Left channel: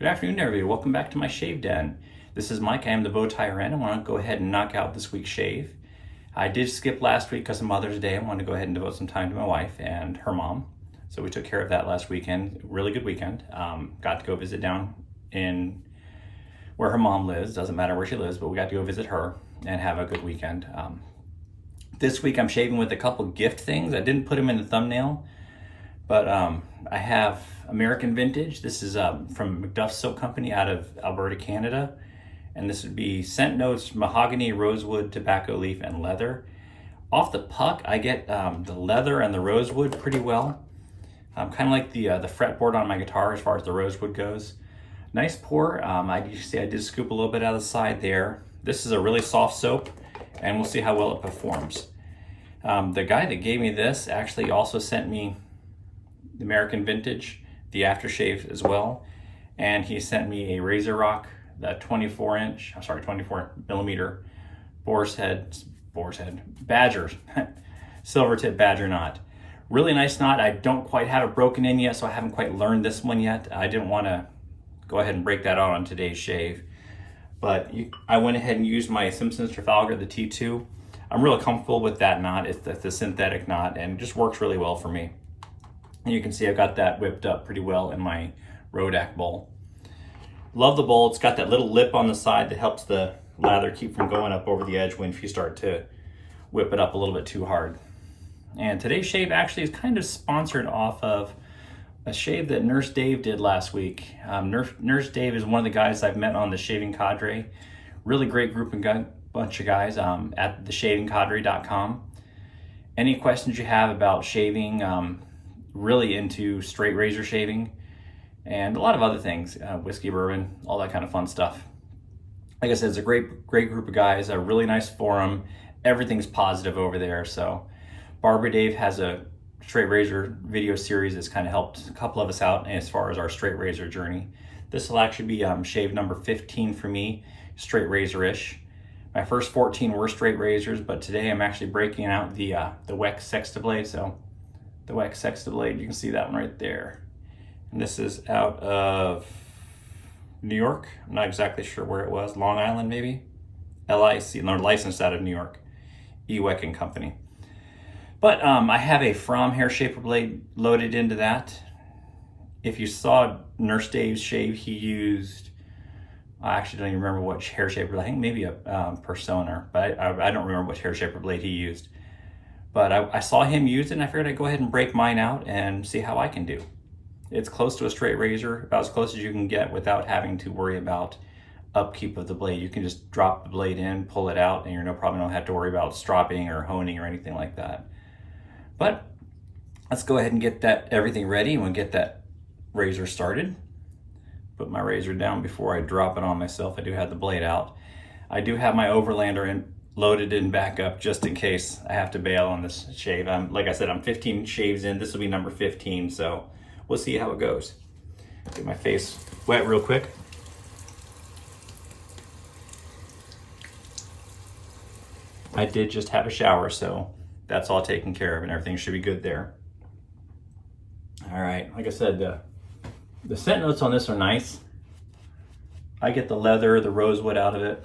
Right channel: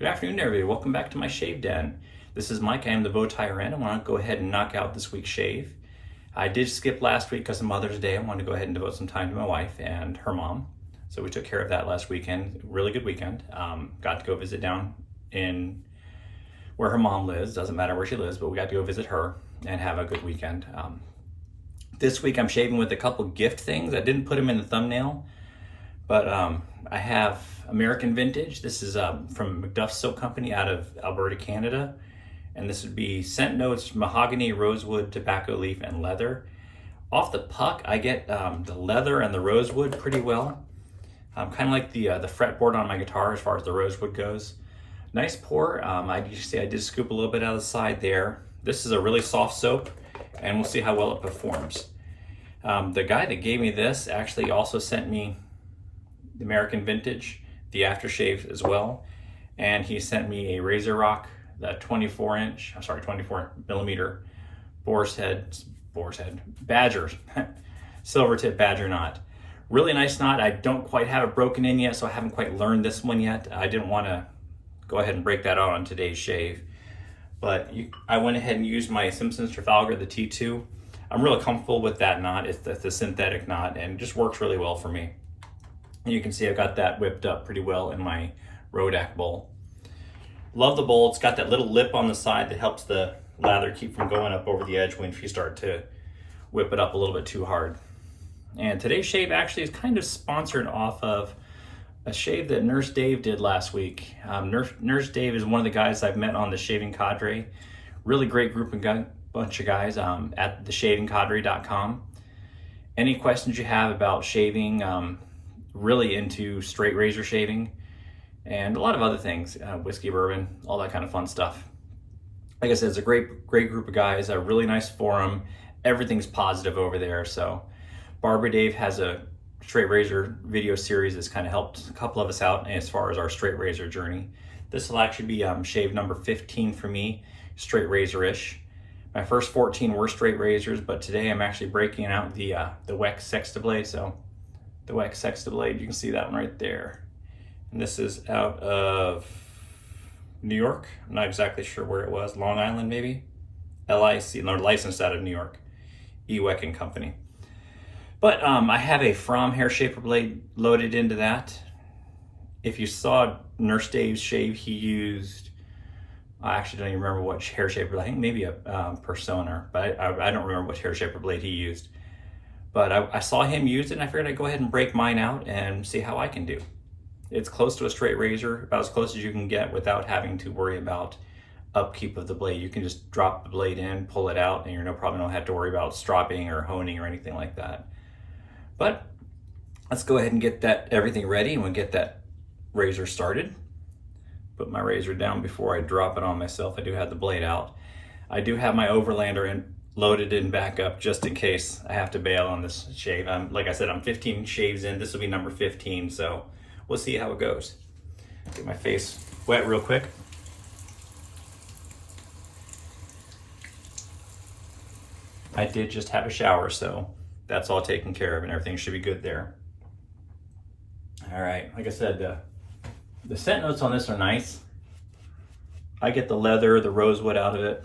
Good afternoon, everybody. Welcome back to my shave den. This is Mike. I am the bow tie Ren. I want to go ahead and knock out this week's shave. I did skip last week because of Mother's Day. I wanted to go ahead and devote some time to my wife and her mom. So we took care of that last weekend. Really good weekend. Got to go visit down in where her mom lives. Doesn't matter where she lives, but we got to go visit her and have a good weekend. This week I'm shaving with a couple gift things. I didn't put them in the thumbnail, but I have American Vintage. This is from McDuff Soap Company out of Alberta, Canada. And this would be scent notes, mahogany, rosewood, tobacco leaf, and leather. Off the puck, I get the leather and the rosewood pretty well. Kind of like the fretboard on my guitar as far as the rosewood goes. Nice pour. You see I did scoop a little bit out of the side there. This is a really soft soap, and we'll see how well it performs. The guy that gave me this actually also sent me the American Vintage, the aftershave as well, and he sent me a Razor Rock, the 24 millimeter boar's head badger silver tip badger knot. Really nice knot. I don't quite have it broken in yet, so I haven't quite learned this one yet. I didn't want to go ahead and break that out on today's shave, but I went ahead and used my Simpson's Trafalgar, the T2. I'm really comfortable with that knot. It's the synthetic knot, and it just works really well for me. And you can see I've got that whipped up pretty well in my Rodak bowl. Love the bowl. It's got that little lip on the side that helps the lather keep from going up over the edge when you start to whip it up a little bit too hard. And today's shave actually is kind of sponsored off of a shave that Nurse Dave did last week. Nurse Dave is one of the guys I've met on the Shaving Cadre. Really great group and bunch of guys at theshavingcadre.com. Any questions you have about shaving, really into straight razor shaving, and a lot of other things, whiskey, bourbon, all that kind of fun stuff. Like I said, it's a great group of guys, a really nice forum. Everything's positive over there. So Barber Dave has a straight razor video series that's kind of helped a couple of us out as far as our straight razor journey. This will actually be shave number 15 for me, straight razor-ish. My first 14 were straight razors, but today I'm actually breaking out the Weck Sextoblade. So the Weck Sextoblade, you can see that one right there. And this is out of New York. I'm not exactly sure where it was. Long Island, maybe? LIC, no, licensed out of New York. Weck and Company. But I have a Fromm hair shaper blade loaded into that. If you saw Nurse Dave's shave, he used, I actually don't even remember what hair shaper, I think maybe a Persona, but I don't remember which hair shaper blade he used. But I saw him use it, and I figured I'd go ahead and break mine out and see how I can do. It's close to a straight razor, about as close as you can get without having to worry about upkeep of the blade. You can just drop the blade in, pull it out, and you probably don't have to worry about stropping or honing or anything like that. But let's go ahead and get everything ready, and we'll get that razor started. Put my razor down before I drop it on myself. I do have the blade out. I do have my Overlander loaded in back up just in case I have to bail on this shave. Like I said, I'm 15 shaves in. This will be number 15, so we'll see how it goes. Get my face wet real quick. I did just have a shower, so that's all taken care of, and everything should be good there. All right, like I said, the scent notes on this are nice. I get the leather, the rosewood out of it.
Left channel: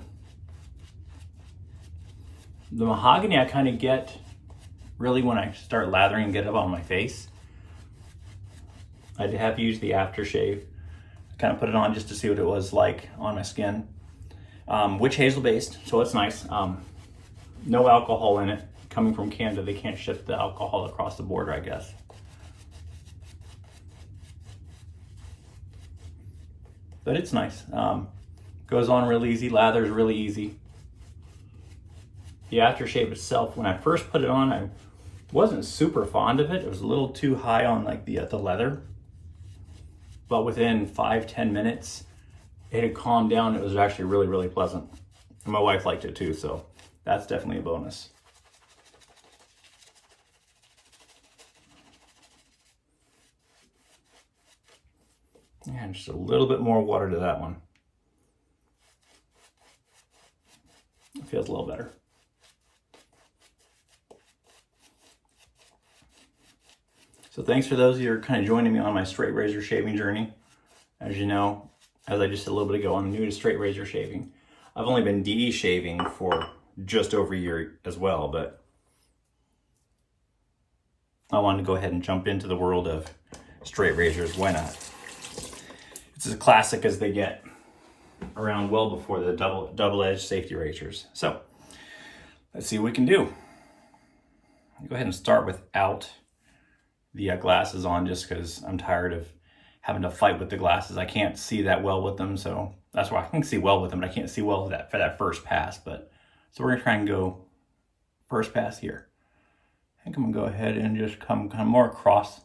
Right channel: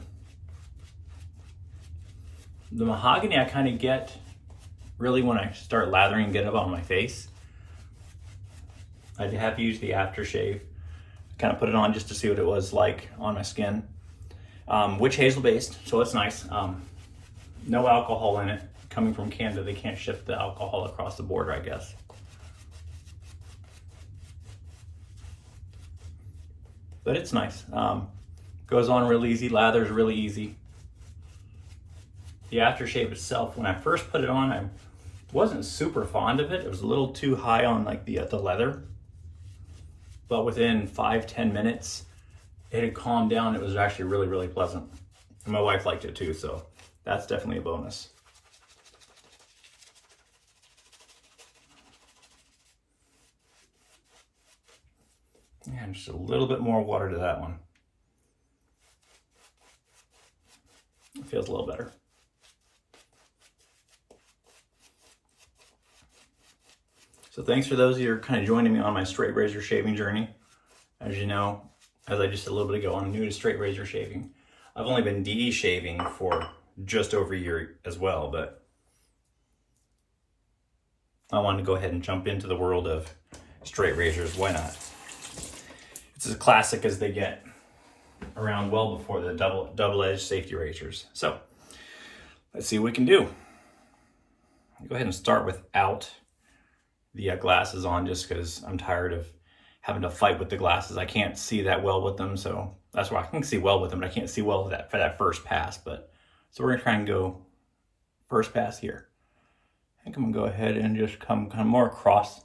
The mahogany I kind of get really when I start lathering and get up on my face. I have used the aftershave. I kind of put it on just to see what it was like on my skin. Witch hazel based, so it's nice. No alcohol in it. Coming from Canada, they can't ship the alcohol across the border, I guess. But it's nice. Goes on real easy. Lathers really easy. The aftershave itself, when I first put it on, I wasn't super fond of it. It was a little too high on like the leather. But within 5-10 minutes, it had calmed down. It was actually really pleasant. And my wife liked it too, so that's definitely a bonus. And just a little bit more water to that one. It feels a little better. So thanks for those of you who are kind of joining me on my straight razor shaving journey. As you know, as I just said a little bit ago, I'm new to straight razor shaving. I've only been DE shaving for just over a year as well, but I wanted to go ahead and jump into the world of straight razors. Why not? It's as classic as they get, around well before the double-edged safety razors. So let's see what we can do. I'll go ahead and start without the glasses on, just because I'm tired of having to fight with the glasses. I can't see that well with them, so that's why I can see well with them, but I can't see well with that for that first pass. But so we're gonna try and go first pass here. I think I'm gonna go ahead and just come kind of more across.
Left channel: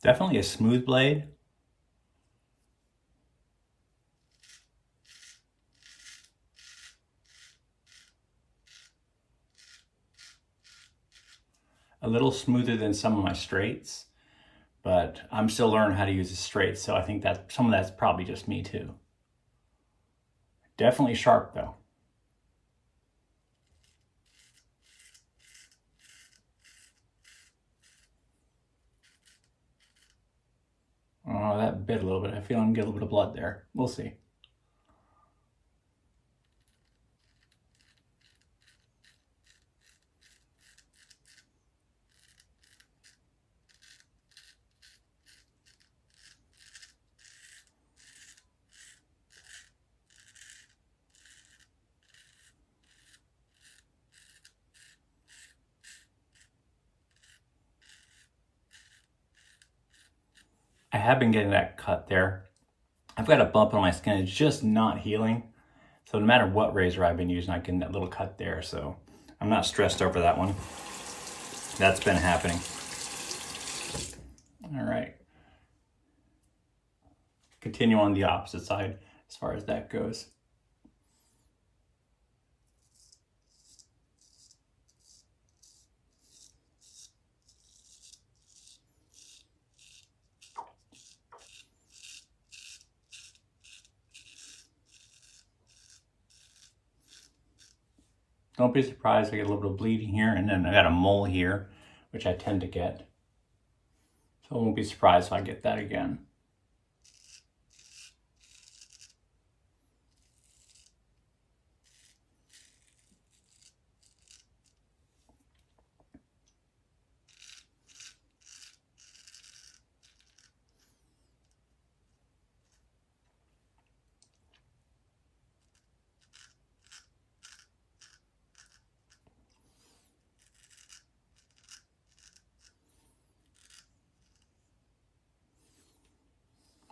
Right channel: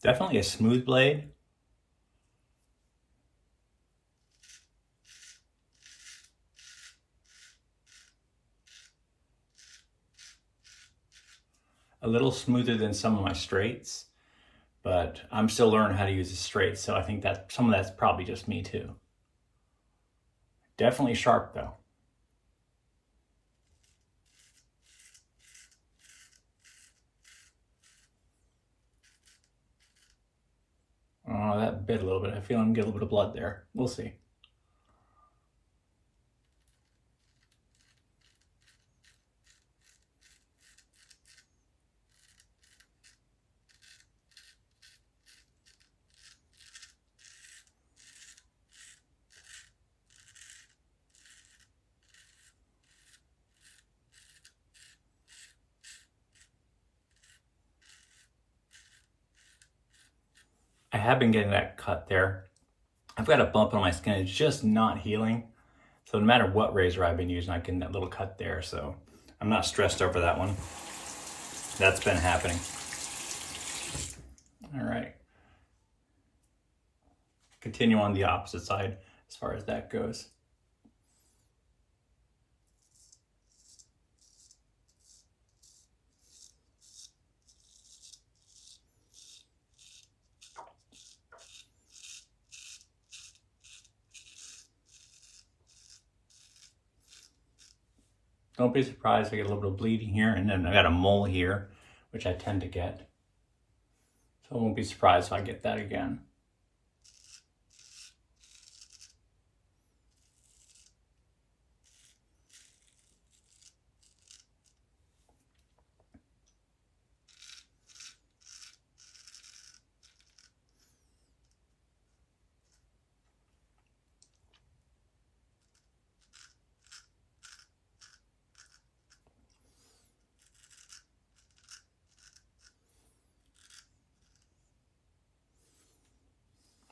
Definitely a smooth blade. A little smoother than some of my straights, but I'm still learning how to use the straights, so I think that some of that's probably just me too. Definitely sharp though. Oh, that bit a little bit. I feel I'm getting a little bit of blood there. We'll see. I have been getting that cut there. I've got a bump on my skin. It's just not healing. So no matter what razor I've been using, I get that little cut there. So I'm not stressed over that one. That's been happening. All right. Continue on the opposite side as far as that goes. Don't be surprised if I get a little bit of bleeding here, and then I got a mole here, which I tend to get. So I won't be surprised if I get that again.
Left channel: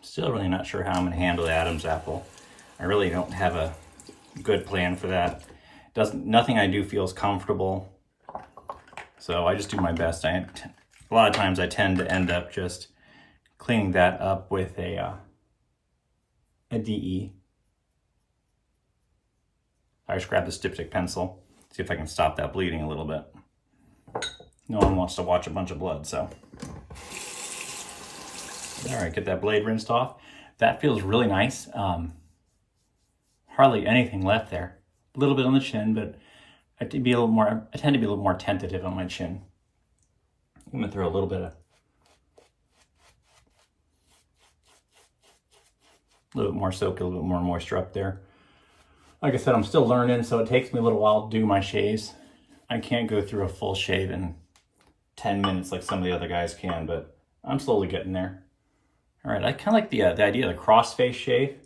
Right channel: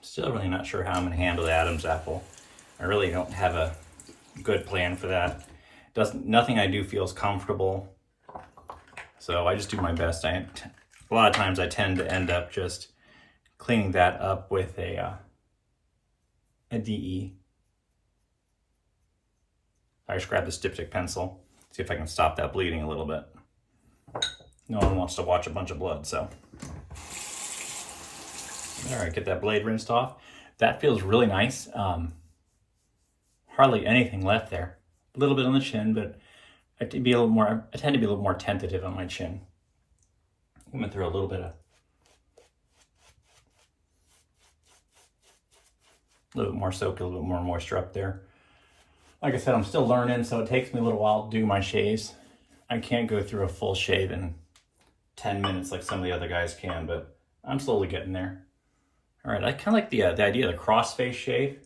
Still really not sure how I'm going to handle the Adam's apple. I really don't have a good plan for that. Nothing I do feels comfortable, so I just do my best. A lot of times I tend to end up just cleaning that up with a DE. I just grab the dipstick pencil, see if I can stop that bleeding a little bit. No one wants to watch a bunch of blood, so. All right, get that blade rinsed off. That feels really nice. Hardly anything left there. A little bit on the chin, but I tend to be a little more tentative on my chin. I'm gonna throw a little bit more soap, a little bit more moisture up there. Like I said, I'm still learning, so it takes me a little while to do my shaves. I can't go through a full shave in 10 minutes like some of the other guys can, but I'm slowly getting there. All right, I kind of like the idea of the cross-face shave.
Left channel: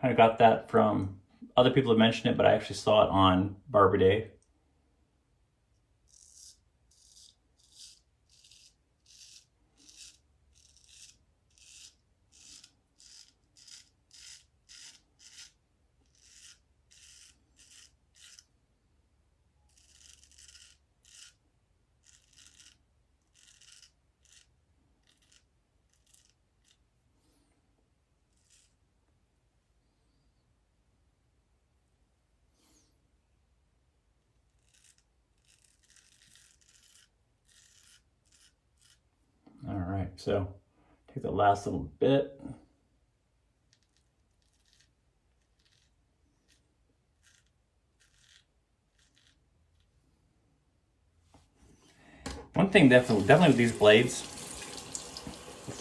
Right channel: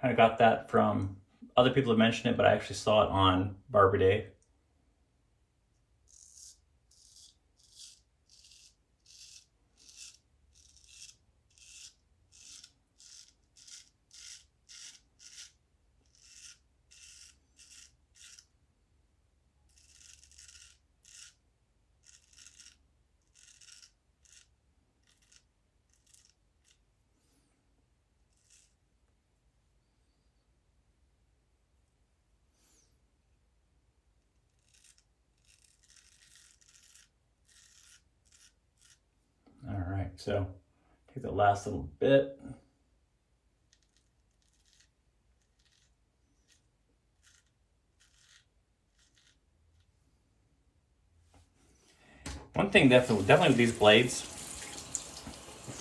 Kind of got that from other people that mentioned it, but I actually saw it on Barber Dave. All right, so Take the last little bit. One thing definitely with these blades,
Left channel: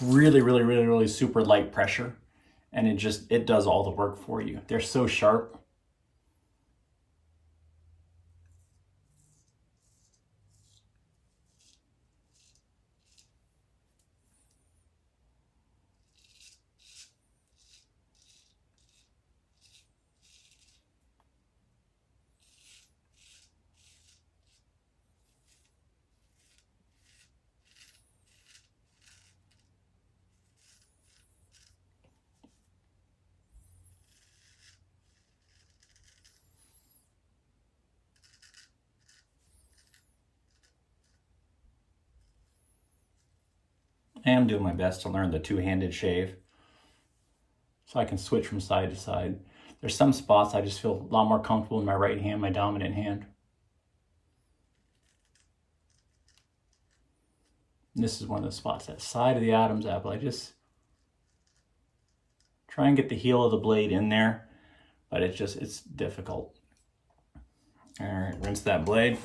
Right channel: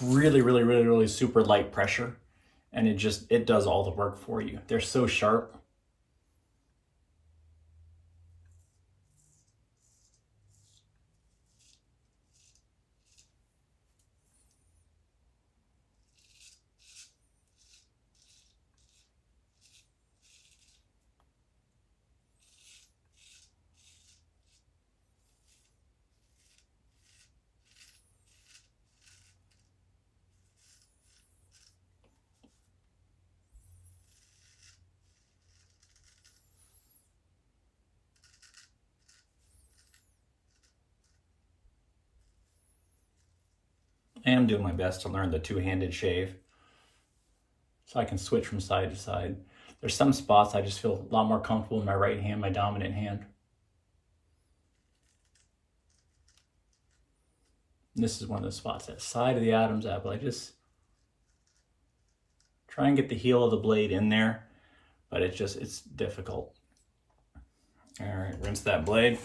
really super light pressure, and it does all the work for you. They're so sharp. I am doing my best to learn the two-handed shave so I can switch from side to side. There's some spots I just feel a lot more comfortable in my right hand, my dominant hand. And this is one of the spots, that side of the Adam's apple. I just try and get the heel of the blade in there, but it's difficult. All right, rinse that blade.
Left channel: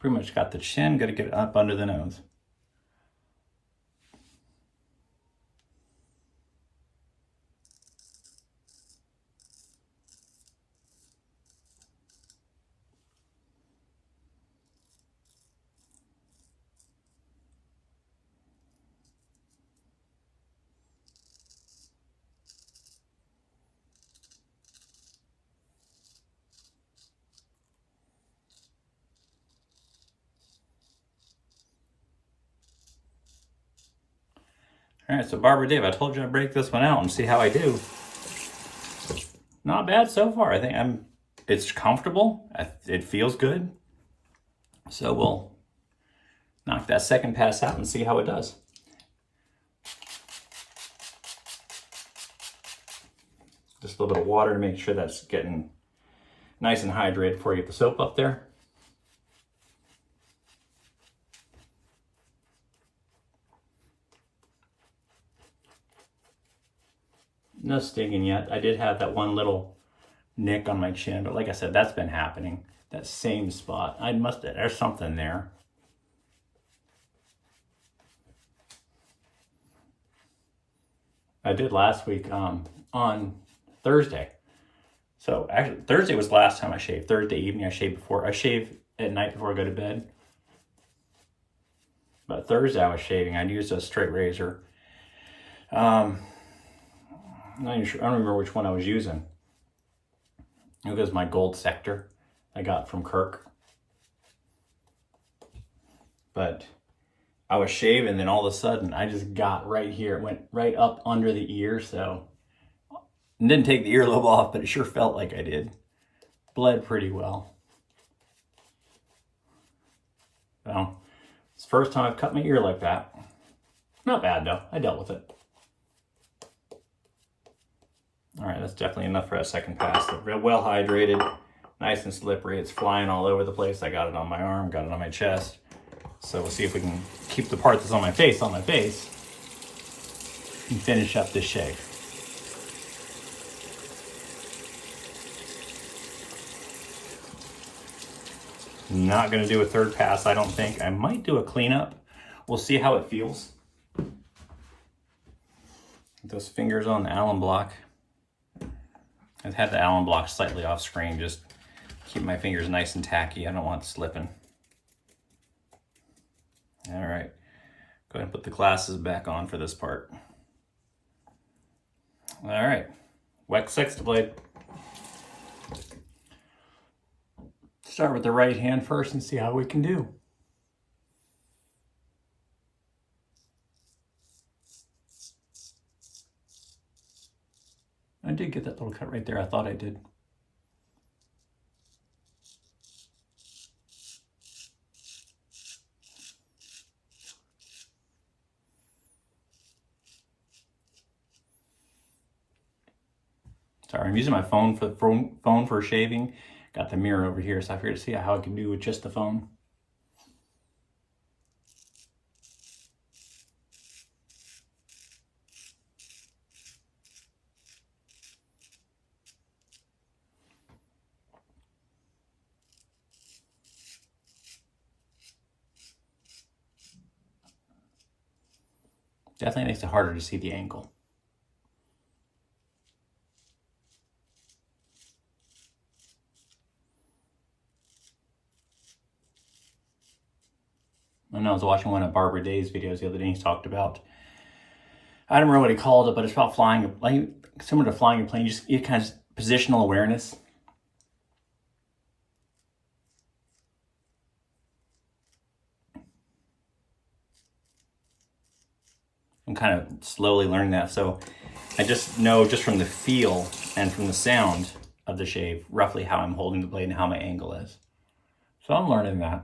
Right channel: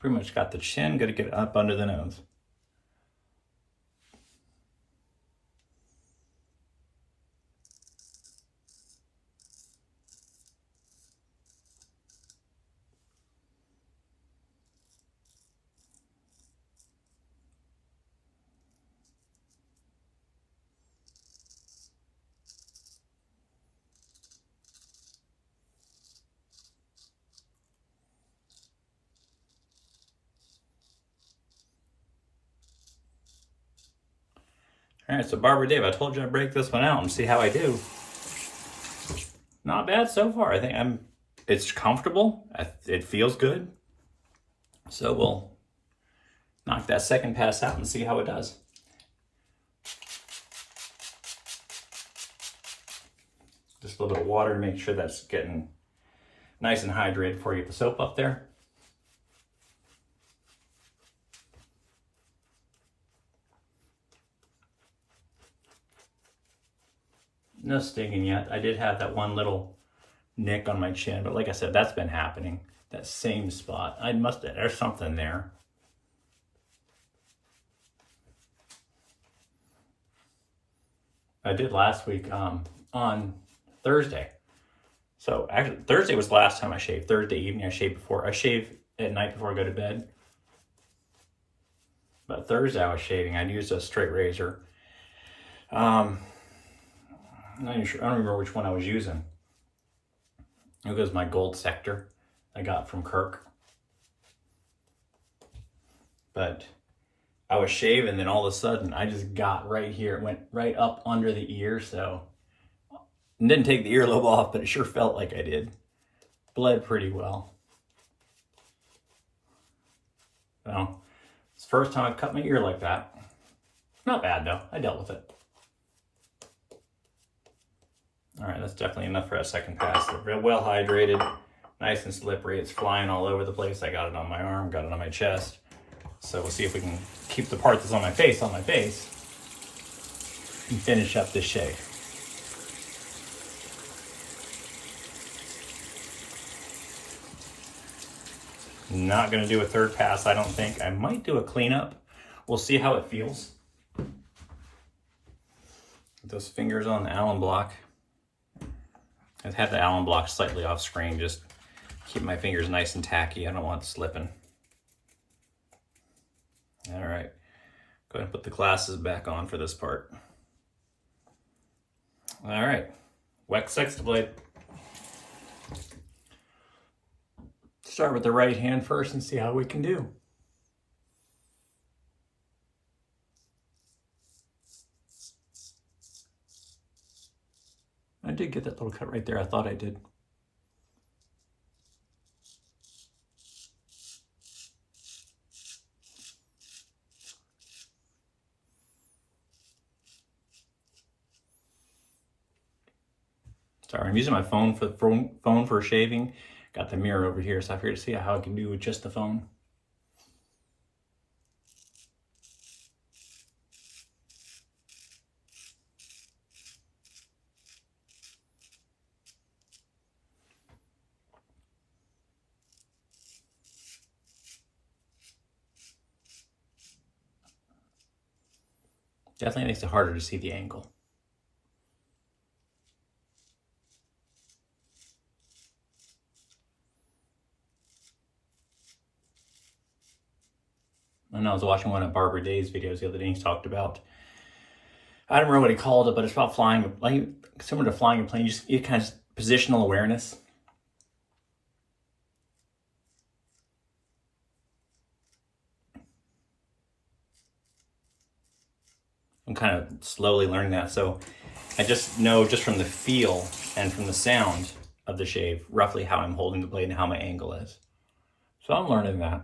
Pretty much got the chin, got to get it up under the nose. All right, so Barbara Dave, I told you I'd break this one out and see how I do. Not bad so far. I think it's comfortable. It feels good. So we'll knock that second pass out and see how it does. Just a little bit of water to make sure that's getting nice and hydrated before you get the soap up there. No stinging yet. I did have that one little nick on my chin, but like I said, that's been happening. That same spot. There's something there. I did last week on Thursday. So actually Thursday was the last time I shaved. Thursday evening I shaved before. I shave at night before I go to bed. But Thursday I was shaving. I used a straight razor. I'm not even sure, I don't remember which one I was using. It was my gold sector I got from Kirk. But I was shaving, then all of a sudden I just got right here. It went right up under the ear, so I didn't take the earlobe off, but it sure felt like I did. Bled pretty well. Well, it's the first time I've cut my ear like that. Not bad though, I dealt with it. All right, that's definitely enough for a second pass. They're real well hydrated, nice and slippery. It's flying all over the place. I got it on my arm, got it on my chest. So we'll see if we can keep the part that's on my face, and finish up this shave. Not gonna do a third pass, I don't think. I might do a cleanup. We'll see how it feels. Those fingers on the Allen block. I've had the Allen block slightly off screen, just keep my fingers nice and tacky. I don't want it slipping. All right, go ahead and put the glasses back on for this part. All right, Weck Sextoblade. Start with the right hand first and see how we can do. I did get that little cut right there. I thought I did. Sorry, I'm using my phone for shaving. Got the mirror over here, so I figured to see how I can do with just the phone. Definitely makes it harder to see the angle. I know I was watching one of Barbara Day's videos the other day. He talked about, I don't remember what he called it, but it's about flying, like similar to flying a plane. You just get kind of positional awareness. I'm kind of slowly learning that. So I just know just from the feel and from the sound of the shave, roughly how I'm holding the blade and how my angle is. So I'm learning that.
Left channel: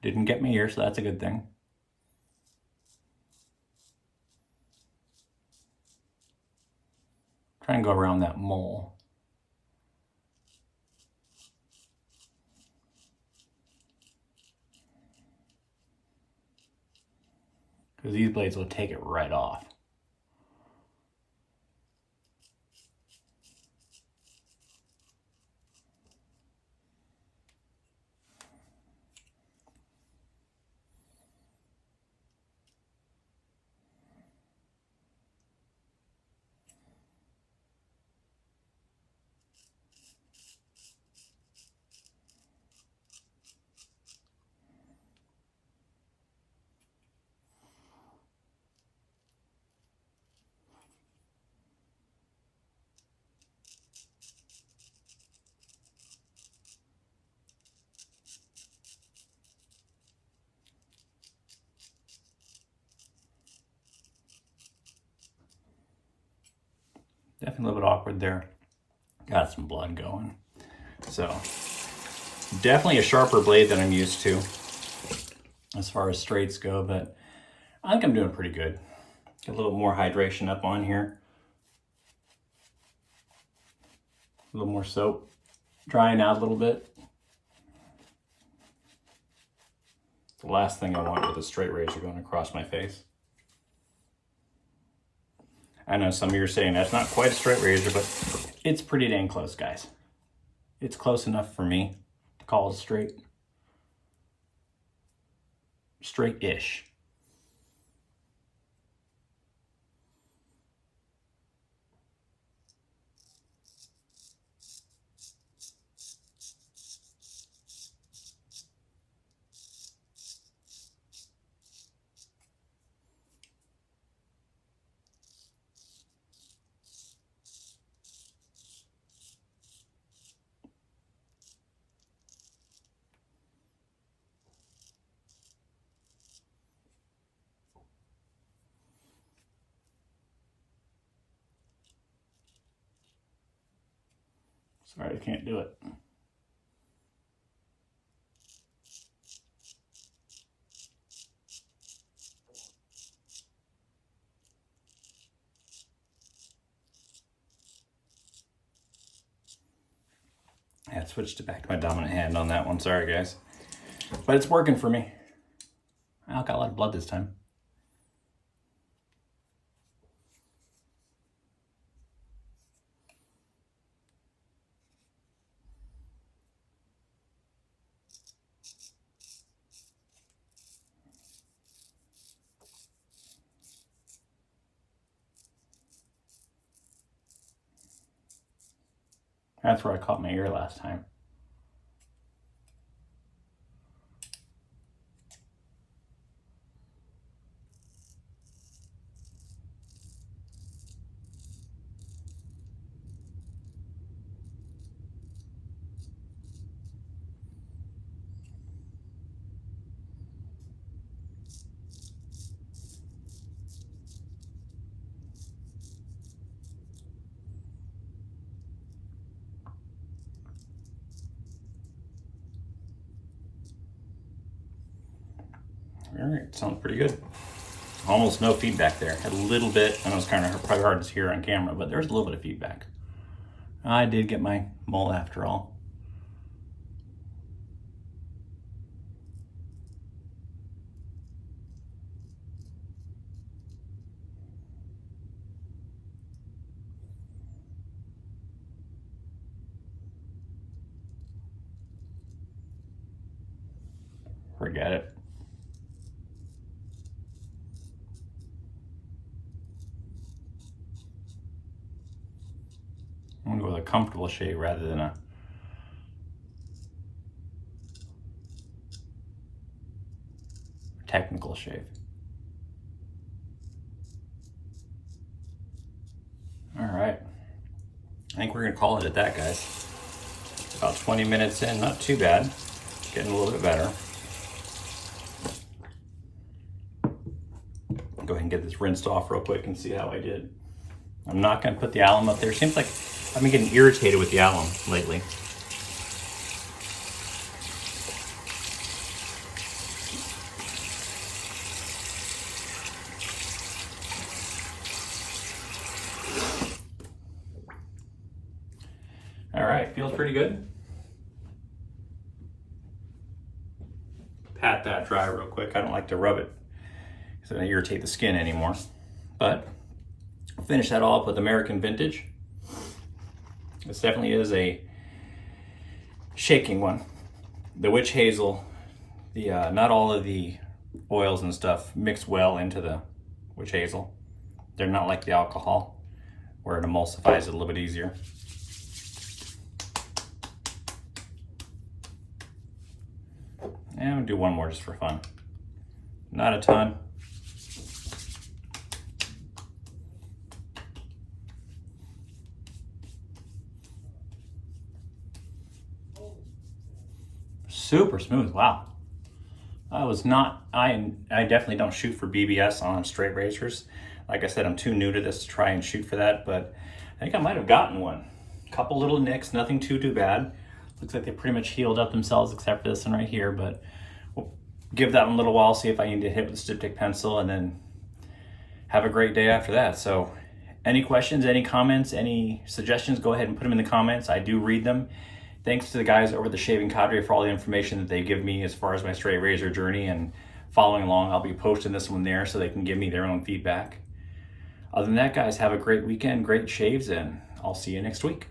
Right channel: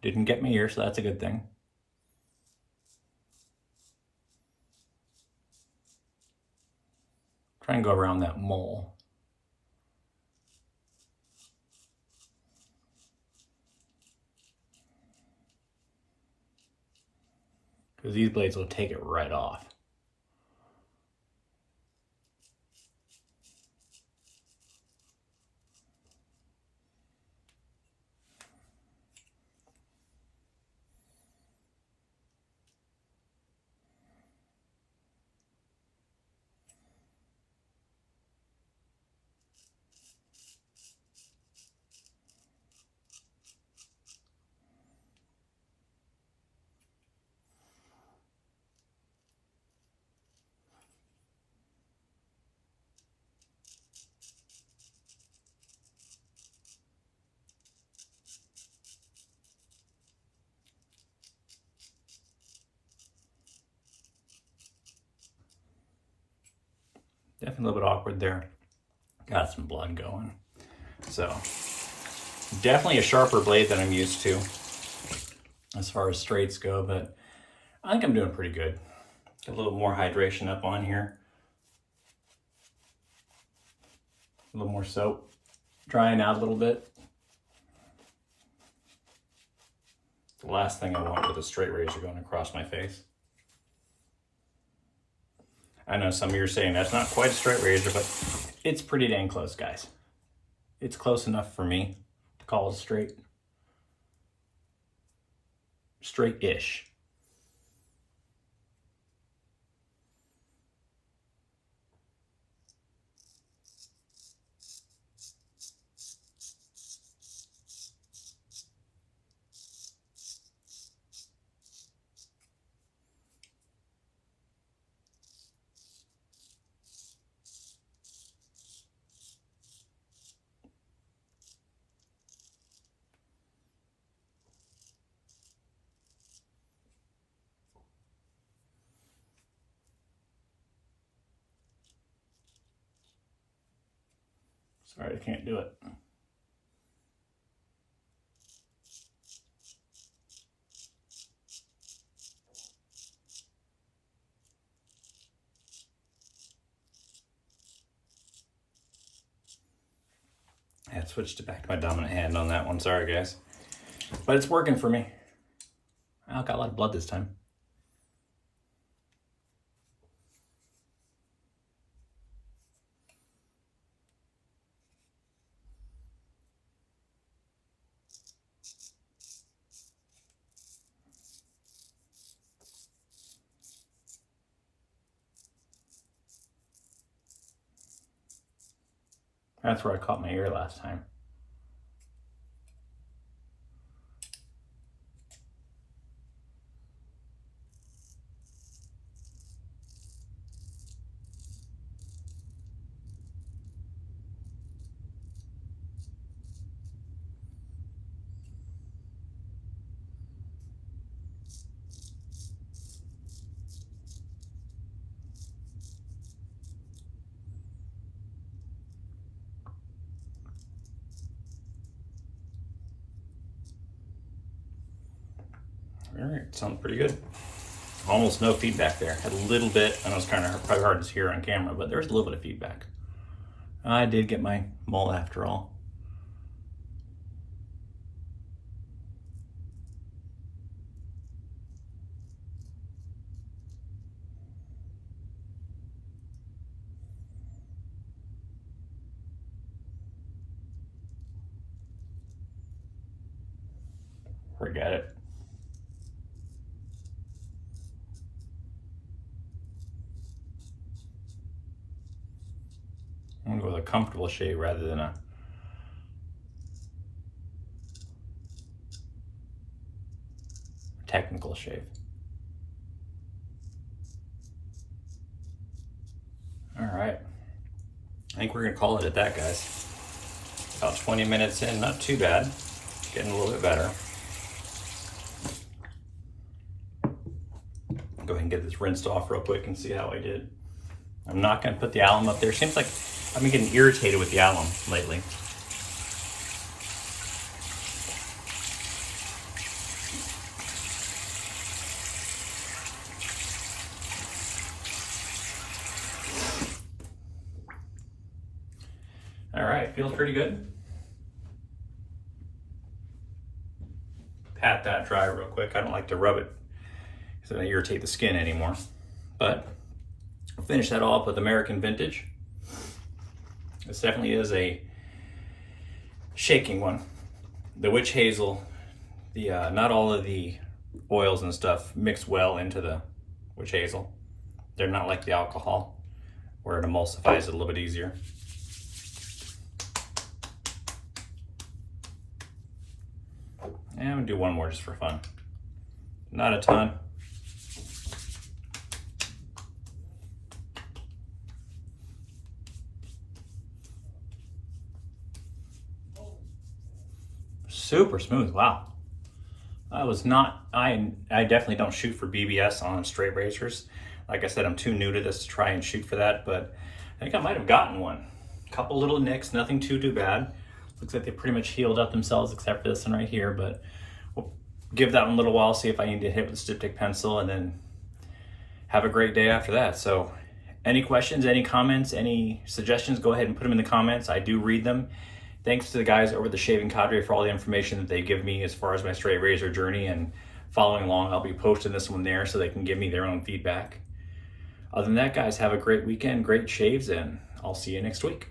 Didn't get my ear, so that's a good thing. Try and go around that mole. Because these blades will take it right off. Definitely a little bit awkward there. Got some blood going. So definitely a sharper blade than I'm used to as far as straights go, but I think I'm doing pretty good. Get a little more hydration up on here. A little more soap. Drying out a little bit. The last thing I want with a straight razor going across my face. I know some of you are saying that's not quite a straight razor, but it's pretty dang close, guys. It's close enough for me to call it straight. Straight-ish. Sorry, I can't do it. I had switched it back to my dominant hand on that one. Sorry, guys. But it's working for me. I got a lot of blood this time. That's where I caught my ear last time. All right, sounds pretty good. Almost no feedback there. Had a little bit, I know it's kind of probably hard to hear on camera, but there's a little bit of feedback. I did get my mole after all. Forget it. I'm gonna go with a comfortable shave rather than a technical shave. All right, I think we're gonna call it at that, guys. About 20 minutes in, not too bad. Getting a little bit better. Go ahead and get this rinsed off real quick and see how I did. I'm not gonna put the alum up there. Seems like I've been getting irritated with the alum lately. All right, feels pretty good. Pat that dry real quick. I don't like to rub it because it doesn't irritate the skin anymore. But I'll finish that all up with American Vintage. This definitely is a shaking one. The witch hazel, not all of the oils and stuff mix well into the witch hazel. They're not like the alcohol where it emulsifies it a little bit easier. And I'm gonna do one more just for fun. Not a ton. Super smooth, wow. I definitely don't shoot for BBS on straight razors. Like I said, I'm too new to this to try and shoot for that, but I think I might have gotten one. A couple little nicks, nothing too bad. Looks like they pretty much healed up themselves except for this one right here, but we'll give that one a little while, see if I need to hit with a diptych pencil, and then have a great day after that. So any questions, any comments, any suggestions, go ahead and put them in the comments. I do read them. Thanks to the guys over at the Shaving Cadre for all the information that they give me as far as my straight razor journey and following along. I'll be posting this one there so they can give me their own feedback. Other than that, guys, have a great weekend, great shaves, and I'll see you next week.